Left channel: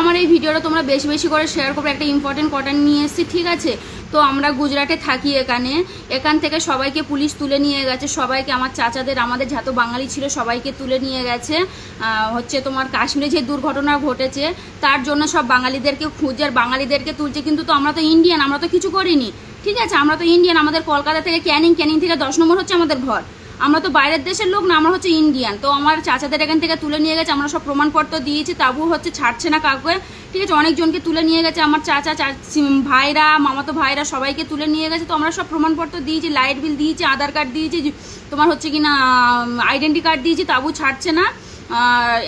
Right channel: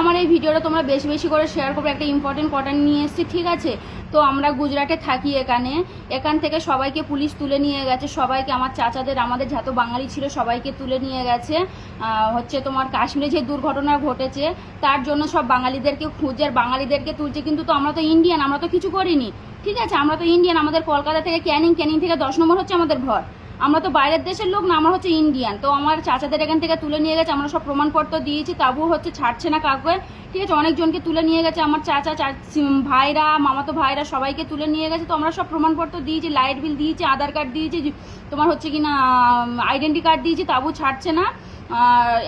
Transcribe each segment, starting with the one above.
আমার এই ভিডিওটা তোমরা বেশি বেশি করে শেয়ার করবে। একটা ইম্পর্টেন্ট কথা নিয়ে এসেছি, ঠিক আছে? তো আমরা গুজরাটে থাকি, এখান থেকে সবাইকে পুলিশ তুলে নিয়ে গেছে, সবাইকে, আমার চাচাদের, আমাদের যত বাঙালি ছিল সবাইকে তুলে নিয়ে গেছে। হচ্ছে তোমার কাশ্মীরে যে দুর্ঘটনা ঘটেছে তার জন্য সব বাঙালিদেরকে খুঁজে আর বাঙালিদেরকে তুলছে। কিন্তু তো আমরা তো ইন্ডিয়ান, আমরা তো কিছু করিনি, ঠিক আছে? আমরা তো ইন্ডিয়ান, আমাদের কলকাতা থেকে ক্যানিং থেকে 10 নম্বর হচ্ছে আমাদের ঘর। আমরা তো বাইরের দেশের লোক না, আমরা হচ্ছে ইন্ডিয়ান। তো আমার চাচাদের এখান থেকে তুলে নিয়ে গেছে, আমরা সব প্রমাণপত্র দিয়েছি, তাবুও হচ্ছে ছাড়ছে না কাউকে, ঠিক আছে? অনেকজনকে তুলে নিয়ে গেছে, আমার চাচা ভাইরা, মামাতো ভাইরা সবাইকে তুলে নিয়ে গেছে। তো আমরা সব প্রমাণপত্র দিয়েছি, লাইট বিল দিয়েছি, আধার কার্ড দিয়েছি, তোমার হচ্ছে কি না আইডেন্টি কার্ড দিয়েছি, তাবু ছাড়ছে না।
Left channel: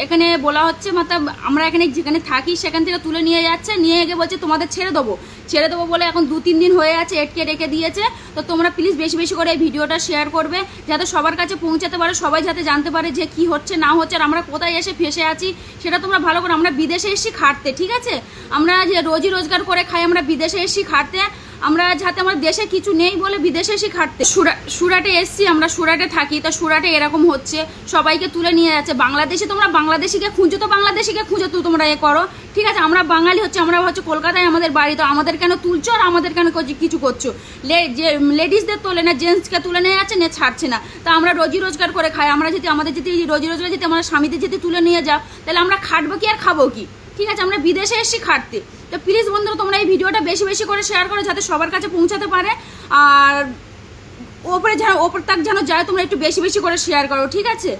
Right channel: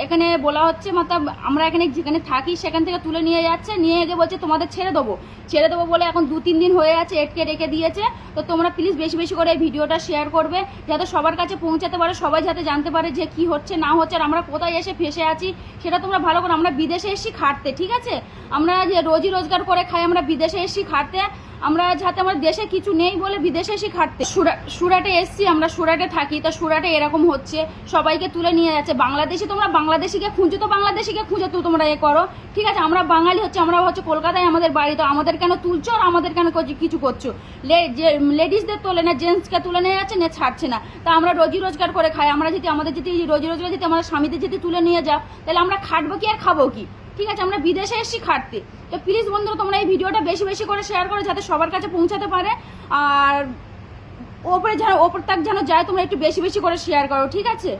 এখানে বলা হচ্ছে মতলব আমরা এখানে যেখানে থাকি সেখান থেকে তুলে নিয়ে যাচ্ছে, নিয়ে গিয়ে বলছে তোমাদের ছেড়ে দেবো বলে এখন 2-3 দিন হয়ে আছে, এটকে রেখে দিয়েছে। তো তোমরা প্লিজ বেশি বেশি করে এই ভিডিওটা শেয়ার করবে, যাতে সবার কাছে পৌঁছাতে পারে, সবাই যাতে জানতে পারে যে কি হচ্ছে না হচ্ছে আর আমরা কোথায় এসে ফেসে আছি সেটা তোমরা ভালো করে। আমরা বিদেশে এসেছি খাটতে, ঠিক আছে? আমরা যে রোজগার করে খাই, আমরা বিদেশে এসেছি খাটতে। আমরা যাতে আমার দেশে কিছু নেই বলে বিদেশে এসে খাটতে সুরাটে এসছি, আমরা সুরাটে থাকি। তা সুরাটে এরকম হচ্ছে, সবাইকে তুলে নিয়ে যাচ্ছে। বাংলাদেশে তোমরা বাংলাদেশিকে খুঁজো, তো বাংলাদেশিকে খুঁজো তো তোমরা করো, ঠিক আছে? আমরা বাঙালি হচ্ছে, আমরা হচ্ছে কলকাতায় আমাদের বাড়ি, তো আমাদের কেন তুলছো আর আমাদের কেন কিছু করছো? যে লেডিসদের তোলে না, জেন্টসকে তুলে নিয়ে যাচ্ছে, নিয়ে ছাড়ছে না। তা আমরা রোজগার করে খাই, আমরা যদি আমাদের যদি রোজগার যদি আমরা স্বামীদের যদি তুলে নিয়ে যাও, তাহলে আমরা খাটবো কি আর খাবো কি? ঠিক আছে? আমরা বিদেশে এসেছি খাটতে। তো প্লিজ বন্ধুরা তোমরা এই ভিডিওটা বেশি বেশি করে শেয়ার করো, যাতে সবার কাছে পৌঁছাতে পারে। আর ওপর তাক যেন যায়, তোমরা একটু বেশি বেশি করে শেয়ার করো, ঠিক আছে?